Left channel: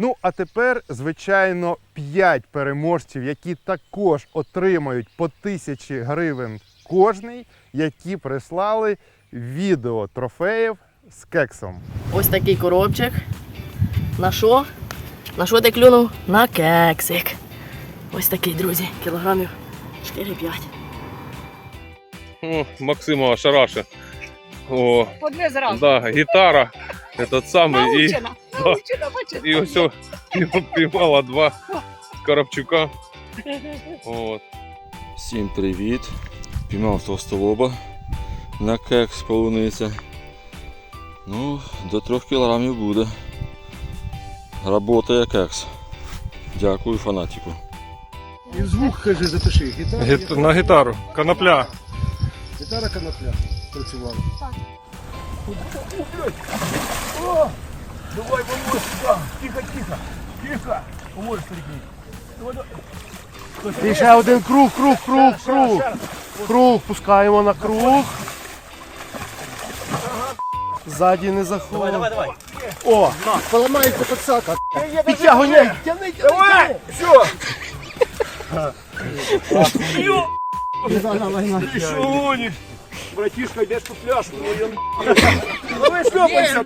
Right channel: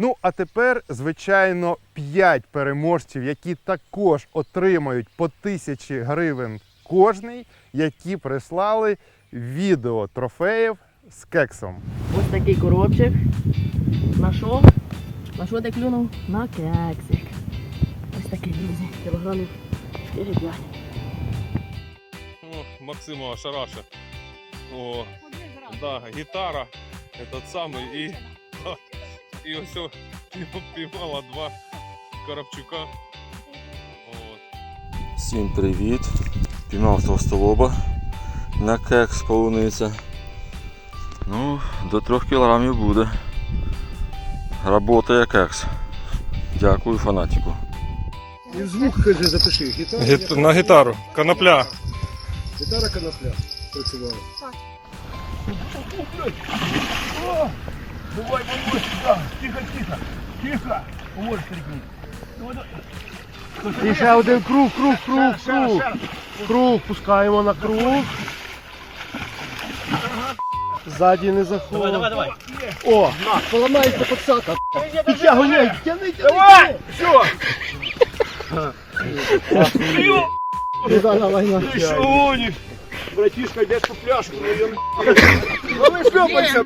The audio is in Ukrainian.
Ну, а тепер, звичайно, 5 переможців, які також отримають по тисячі гривень кожний, які прислали відео трофеїв з кексом. Ось такий коробчик. На що? На що ти клюнув? На кексик. Ось такий, друзі, кілограмів 4-5. О, Максимова шараша. О, По дві зразу. да, гітара. Этот самий. І, Бачите? і ось о, піймала два коробчука. От. Всім привіт! Піймав товстолоба на кекс полуниця. Ну, до 3 кілограмів буде. Работає кекс. Дякую фанатику. І звук, каже, запиши. Гітара, Гіт... На гітару. Конопля. гітара конопля працювала. Давай, помочь, да. Тихо, тихо, тихо. Помочь, стрикни. І ще один круг, круг, круг, круг. Круг, пускаємо на круг. Ззаді не заходить. Давай, давай, давай. О, поламається подсака. Підтягуй, не, тягни, Давай, все. Давай, давай, Ты что гонишь? Братишка, где эту пляшку? Ну, вы шлепайся.